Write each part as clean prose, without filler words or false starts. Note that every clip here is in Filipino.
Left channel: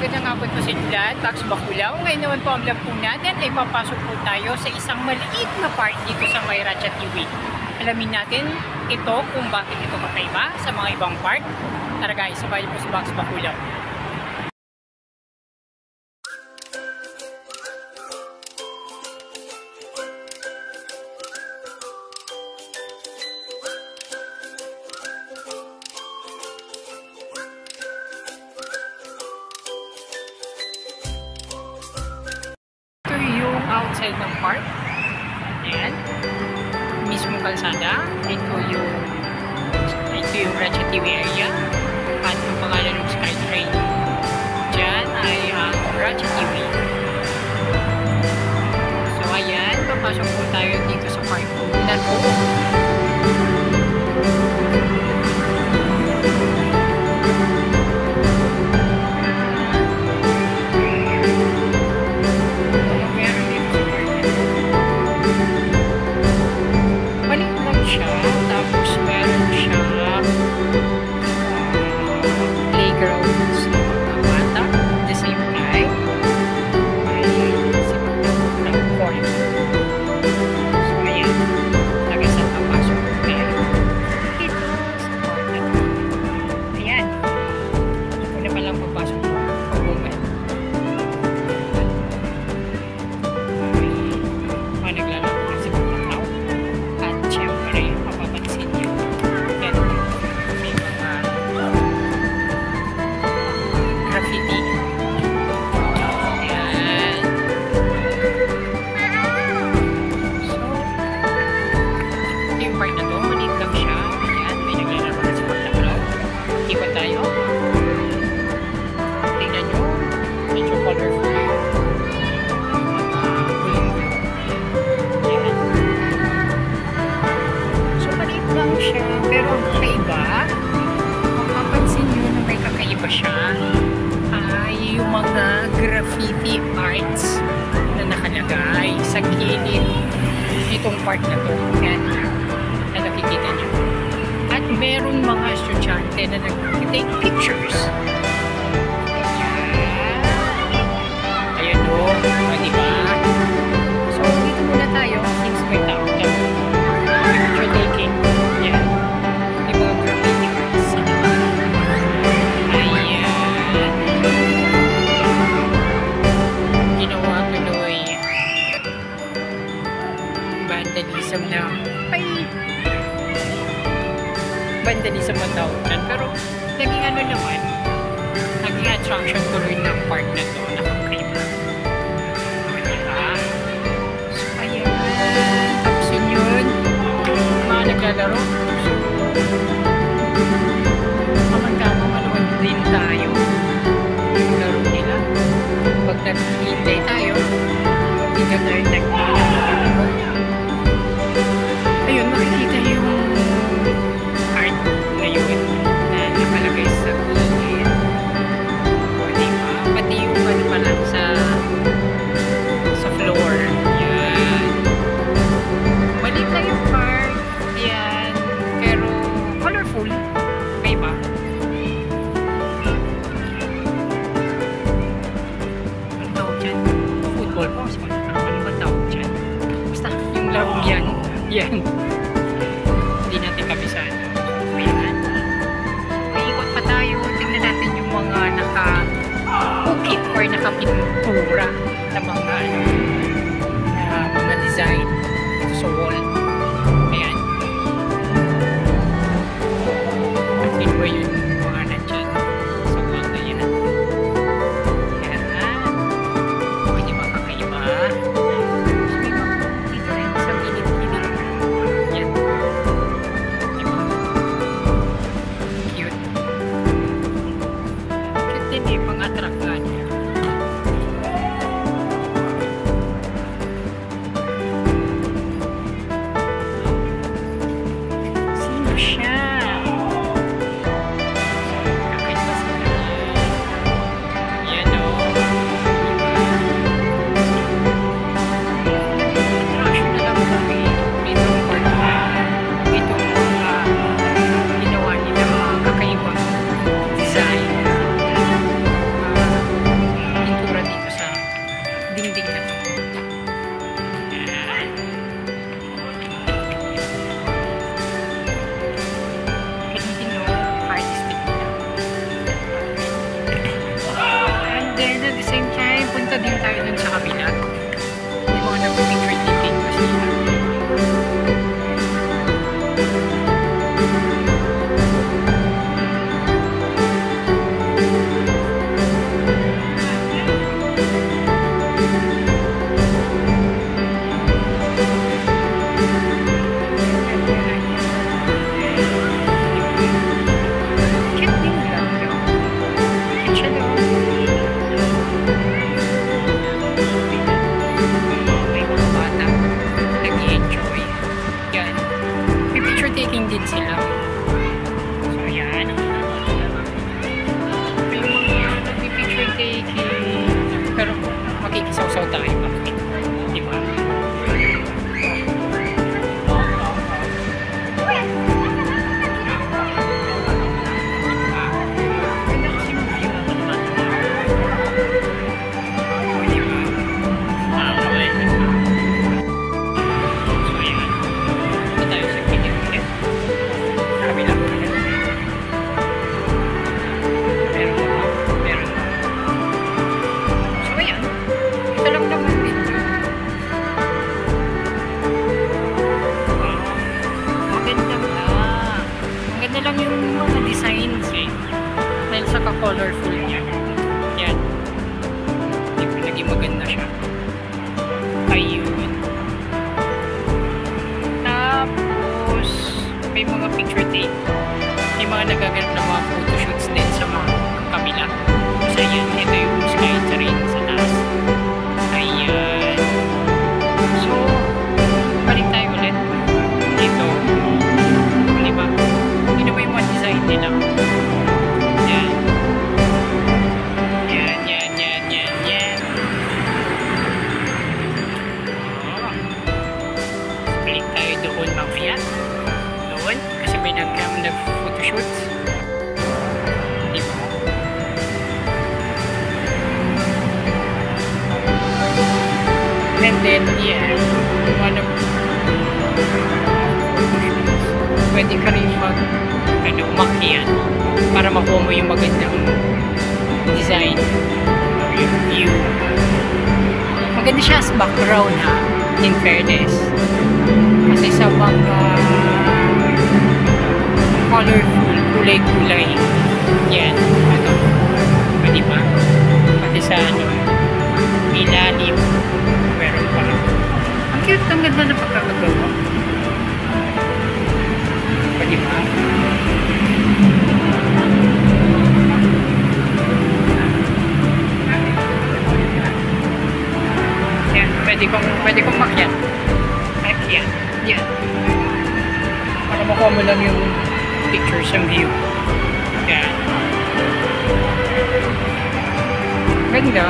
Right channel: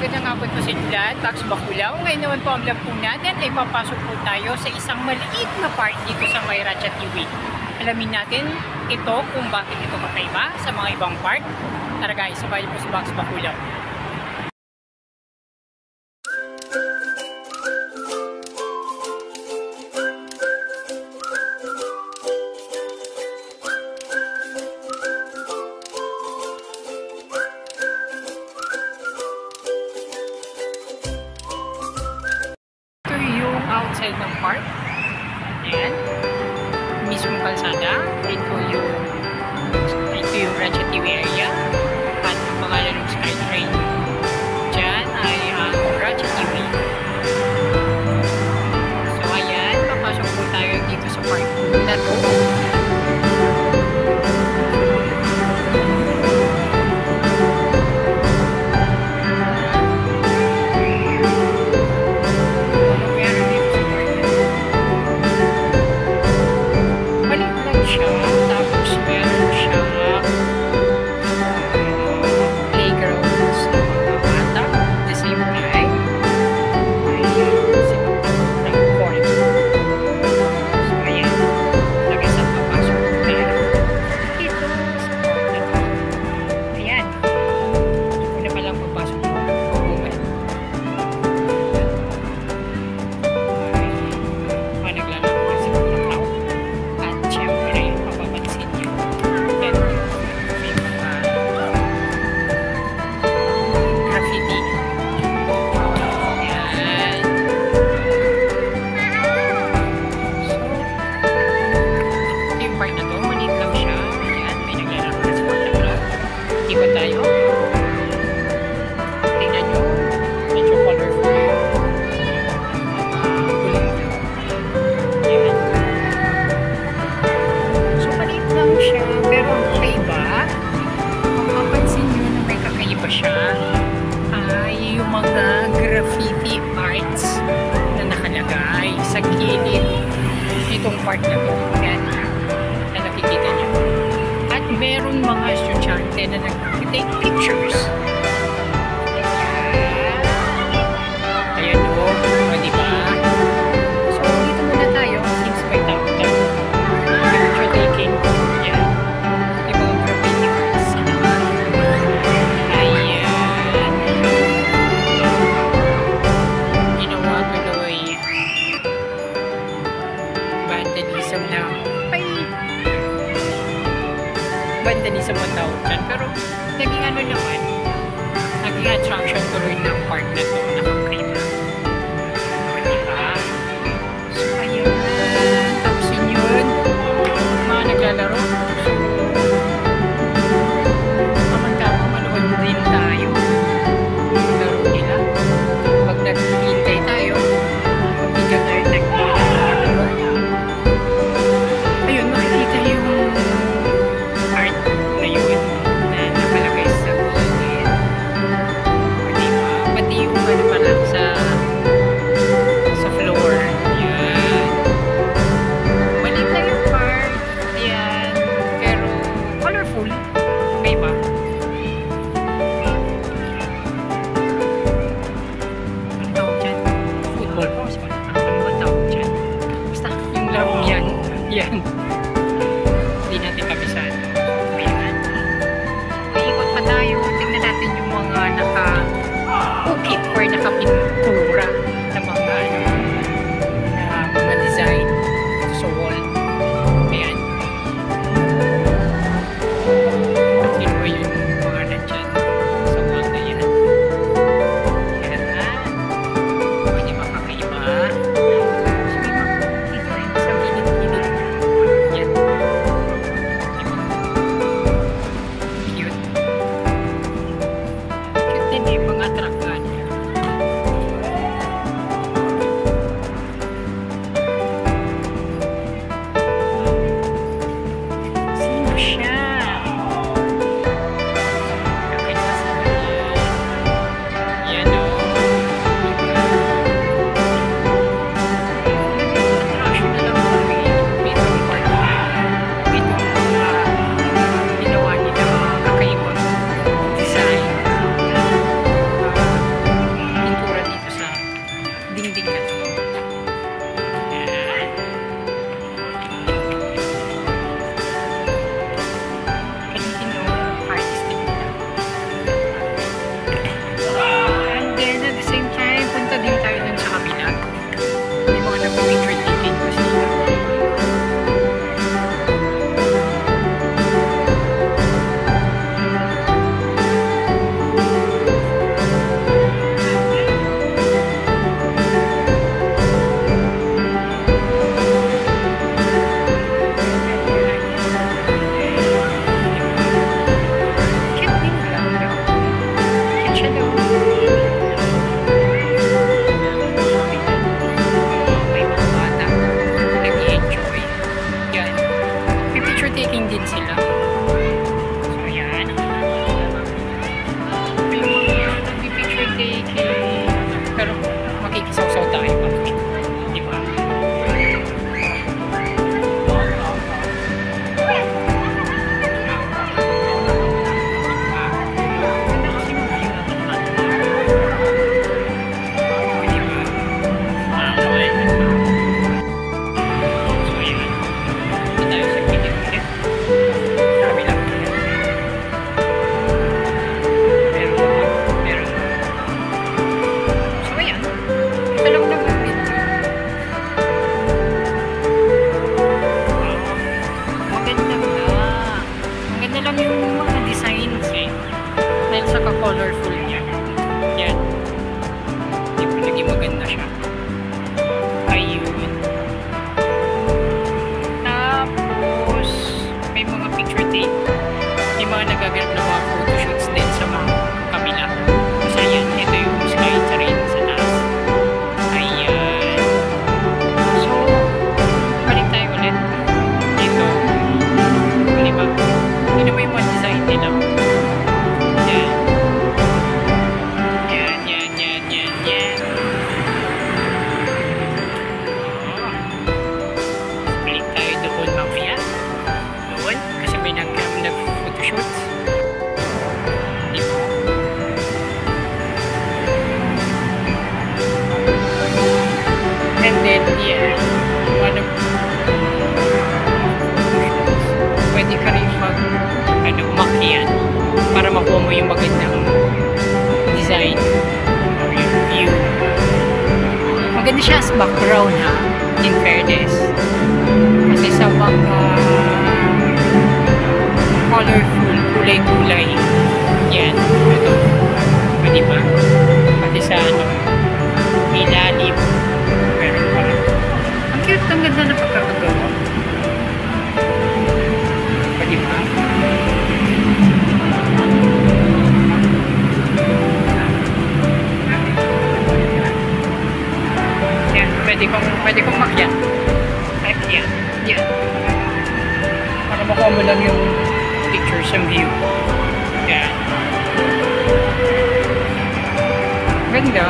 magandang hapon po sa inyo lahat. Pax Bakulaw. Ngayon naman po ang vlog po natin ay papasok po tayo sa isang maliit na park dito sa may Ratchet TV. Alamin natin ito kung bakit ito kakaiba sa mga ibang park. Tara guys, sabay po sa Pax Bakulaw. Outside ng park. Ayan. Mismo kalsada. Ito yung Ratchet TV area. At ang pangalan ng SkyTrain dyan ay ang Ratchet TV. So ayan, papasok po tayo dito sa park na to. Tapos meron siyang playgrounds ng mga bata. At the same time, may simatang court. So ayan, nag-isang papasok tayo dito sa park na ito. Ayan, una pa lang papasok mo, pag-uman. May naglalaro na si Pagkakaw. At syempre, mapapansin nyo, yan, may mga graffiti. Yan. So, ito yung part na to, maliit lang siya. Ayan, may naglalaro na si Pagkakaw. Iba tayo. Tingnan nyo, medyo colorful. Lang siya, pero ang kakaiba, mapapansin nyo na may kakaiba siya, ay yung mga graffiti arts na nakalagay sa gilid itong part na to. Yan, na nakikita nyo. At meron mga estudyante na nag-take pictures. Ayan o, diba? So, dito muna tayo, things may tao tayo. Picture taking. Vandalism na vandalism ang tawag dyan, pero naging ano naman, naging attraction tuloy ng park na to, nakakaiba. Diba? So ayan, tapos yun mga naglalaro. So kamang-tama, manood din tayo yung laro nila. Pag naghihintay tayo, hindi tayo naglalaro. Ayun, makikita yung art na yun na nakalagay sa gilid. O diba? Pati yung ano pa lang sa floor. Yan. Maliit lang yung park. Yan. Pero colorful. Okay ba? Ano tawag dyan? Football po. Ano ba tawag dyan? Basta yung larong yan. Yan. Hindi natin kabisado. Ayan. Iikot pa tayo. Tingnan natin yung mga naka-ukit or naka-pintura na mga mga design dito sa wall. Ayan. At sino ba yung mga nandyan sa wall na yan? Ayan. Pwede makakaiba. Hindi pang-attract nga niya. Sino siya? Kakait ba sila yan? Yan o. Diba? Attraction na lang kami. Itong part na. Itong mga ginawa nila mga kakaibang design. same time, punta din tayo dun sa kabila. May mga nag-picture taking kasi. Din sila. So, yan. May mga nag-picture taking. Pero, makikisaw-saw tayo pa. Diba? Ganda kasi yung view. Diba? So, yan. Ito tayo sa pinig ulit. Maganda lang yung mga designs eh. Dahil sa ka-colorful niya. Yan. Naging maganda siya. Ayun. Tapos, may mga picture take. May mga nagaganap na mga photoshoots din sa mga kabila. Kasi yan, ito yung sky train sa taas. Ayan. So, balik tayo ulit. Dito. Diba? Yun ba yung mga design nila? Yan. Yan. Oh. Balik tayo doon mamaya. Doon. Kasi may nag-photoshoot. Diba? And then, yeah. Pwede ka rin umakyat para makuha mo yung magandang design or yung view. Maganda siya as background ha, in fairness. Kasi sa mga colorful, kulay-kulay. Yan, ito. Pwede ba? Pati sa ilalim. Meron pa. Ang cute, ang ganda na pagkakagawa. Pwede ba? Yan, pwede kong makyat. Yan. Yan. Para makuha mo lang yung pictures and view. Yan. Ganda.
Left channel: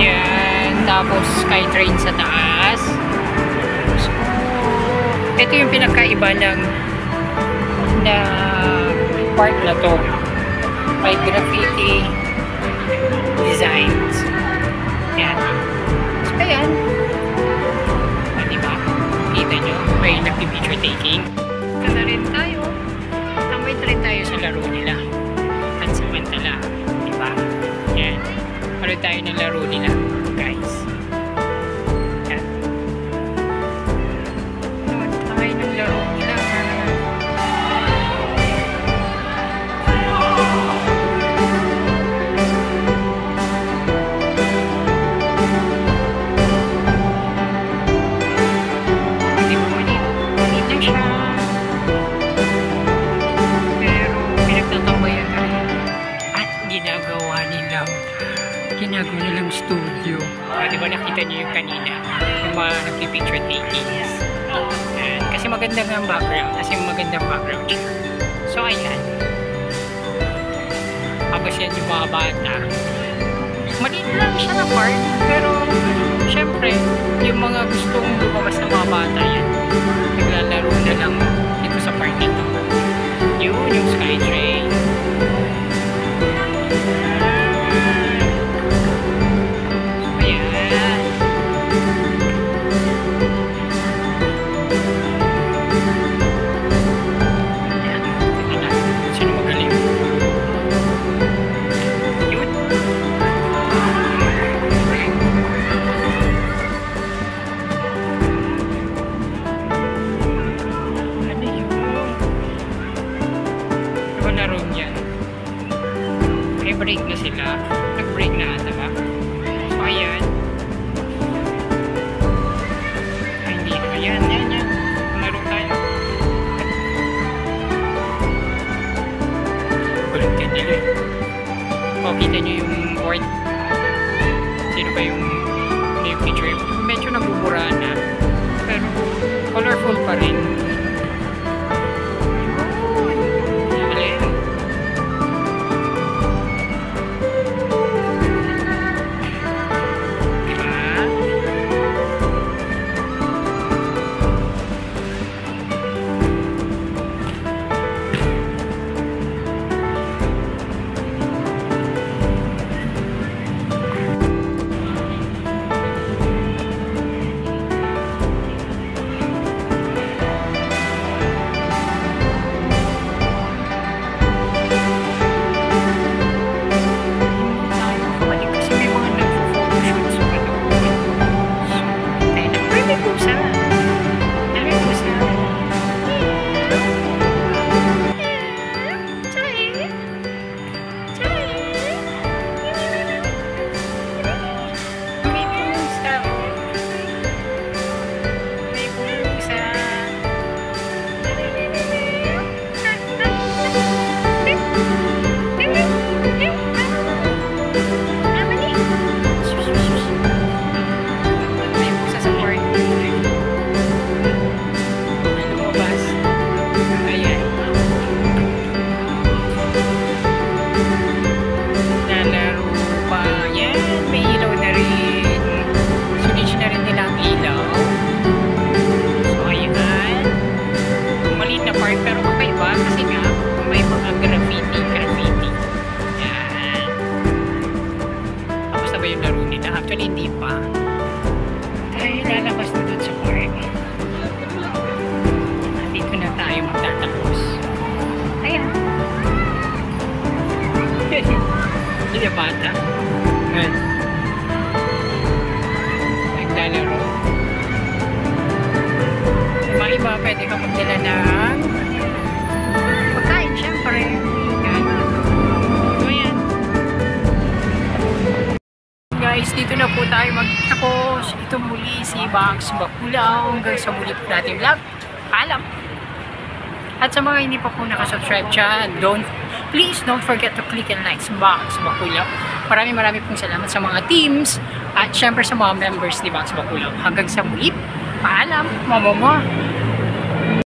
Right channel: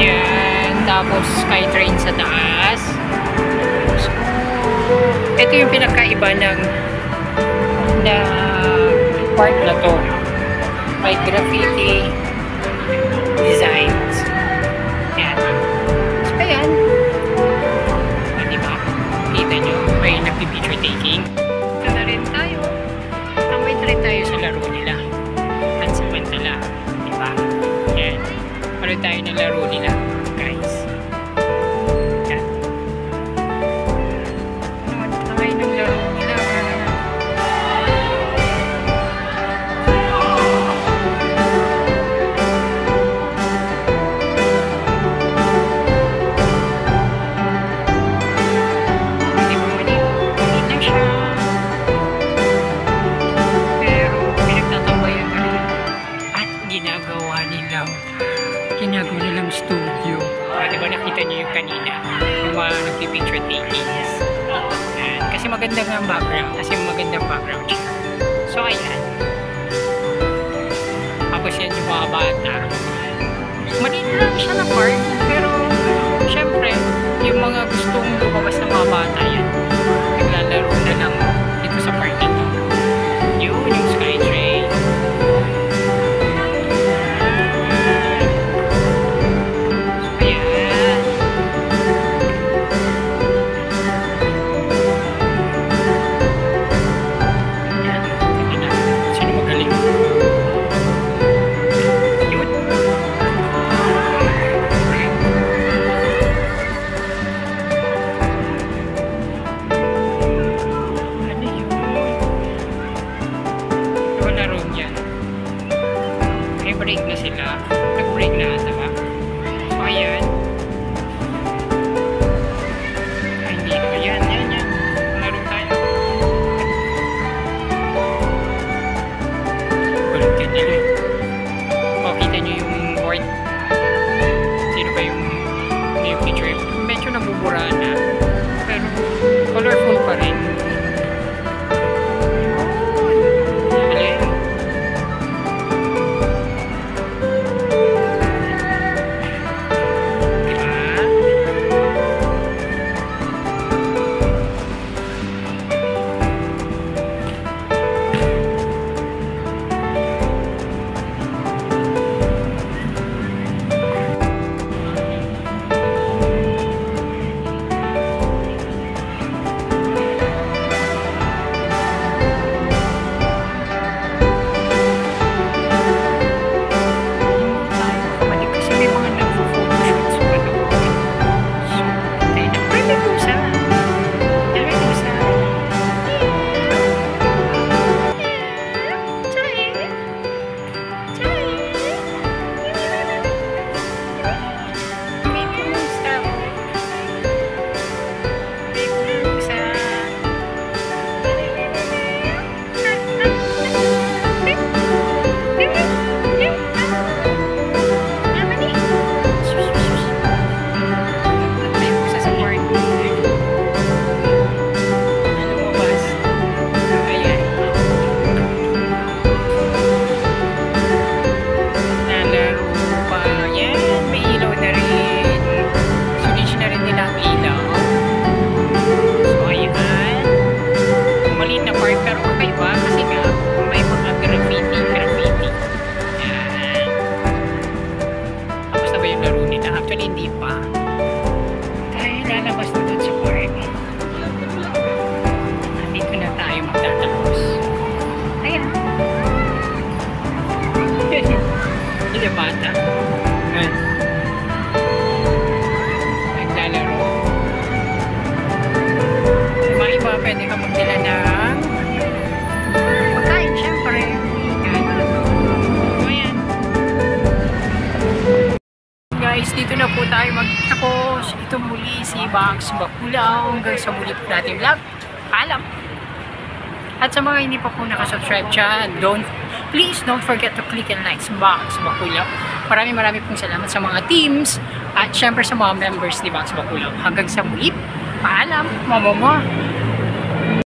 Yan. Tapos skytrain sa taas. So, ito yung pinakaiba ng park na to. May graffiti designs. Yan. So, ayan. Diba? Kita nyo, may nagpipicture taking. Ito na rin tayo. Tambay na rin tayo sa laro nila. At samantala. Diba? Yan. Palo tayo ng laro nila, guys. Yan. Ano tayo ng laro nila? Ginagawa nilang studio. Diba nakita niyo yung kanina? Yung mga nagpipicture takings. Ayan. Kasi maganda nga ang background. Kasi magandang background siya. So, ayan. Tapos yan yung mga bata. Maliit lang siya na park. Pero, syempre, yung mga gustong lumabas ng mga bata yan. Naglalaro na lang dito sa park nito. Yun, yung Skytrain. nag-break na sila. Nag-break na ata ba? So, ayan. Ay, hindi. Ayan, yan. Laro tayo. Kulit ka nila eh. O, kita nyo yung board. Sino ba yung picture? Medyo nabubura na. Pero, colorful pa rin. Pero kakaiba kasi nga may mga graffiti. Yan. Tapos na ba yung laro nila? Actually hindi pa. Tayo lalabas na doon sa park. Dito na tayo magtatapos. Ayan. Hindi na bata. Naglalaro. Mga iba pwede ka magdala ng pagkain, syempre. Yan. Ayan. Guys, dito na po tayo magtapos. Ito muli si Bags Bakulaw. Hanggang sa muli po natin vlog. Paalam! At sa mga hindi pa po nakasubscribe dyan, please don't forget to click and like si Bags Bakulaw. Maraming pong salamat sa mga teams at syempre sa mga members ni Bags Bakulaw. Hanggang sa muli. Paalam! Mama.